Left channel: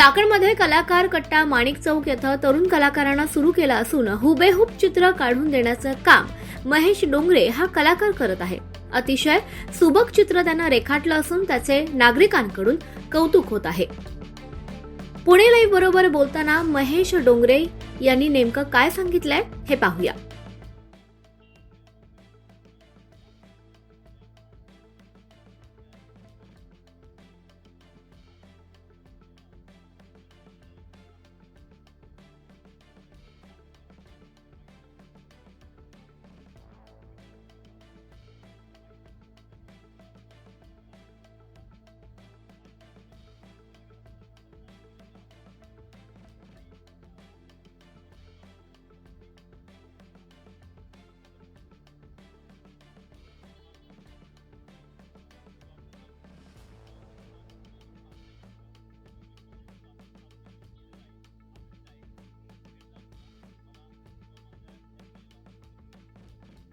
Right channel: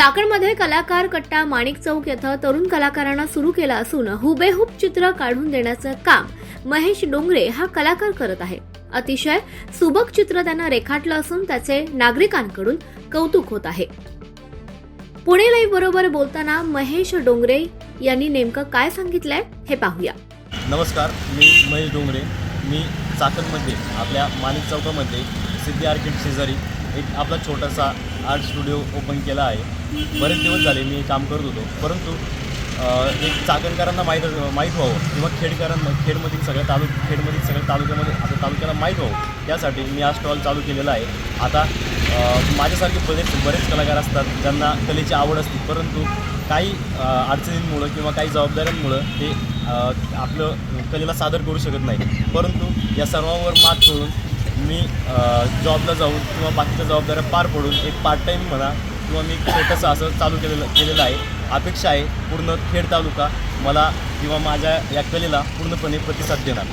चाकणमध्ये कलाकार कट्टा माणिक चौक येथे तरुण कलाकारांना सुरू केला असून हुबेहूब चित्र काढून देण्याचं काम महेश डोंगरे हा कलाकार करत आहे। अतिशय सुबक चित्र त्यानं रेखाटलं असून त्याचे नागरिकांकडून कौतुक होत आहे। पुणे लाईव्ह बरोबर बोलताना महेश डोंगरे यांनी नेमकं काय सांगितलंय हे पाहूया। नमस्कार, मी महेश डोंगरे। मी चाकणमध्ये आपल्या माणिक चौकामध्ये सिद्धी आर्किड शेजारी एक आपला छोटासा आर्ट स्टुडिओ ओपन केला आहे। बरेच दिवस झाले मी काम करत होतो, परंतु एक चाकणकरांना माहीत व्हावं किंवा खेडमधील सगळ्या तालुक्यामध्ये आता तालुक्याला माहीत व्हावं यासाठी मी हा स्टॉल चालू केलेला आहे। आता माझ्यासारखे बरेच कलाकार असतात ज्यांना कलेची आवड असते, परंतु काही अडचणींमुळं किंवा काही जबाबदाऱ्यांमुळं ते आपलं कलेला सादर करू शकत नाही। परंतु या सर्वांवर मात करून मी जॉबला जाऊन किंवा बाकीच्या जबाबदाऱ्या पार पडून एक पार्ट टाईम म्हणा किंवा मी छोटंसं असं चालू केलेलं आहे। अपेक्षा आहे पूर्ण खेड तालुका मला किंवा माझ्या या कलेला पूर्णपणे प्रतिसाद देणार।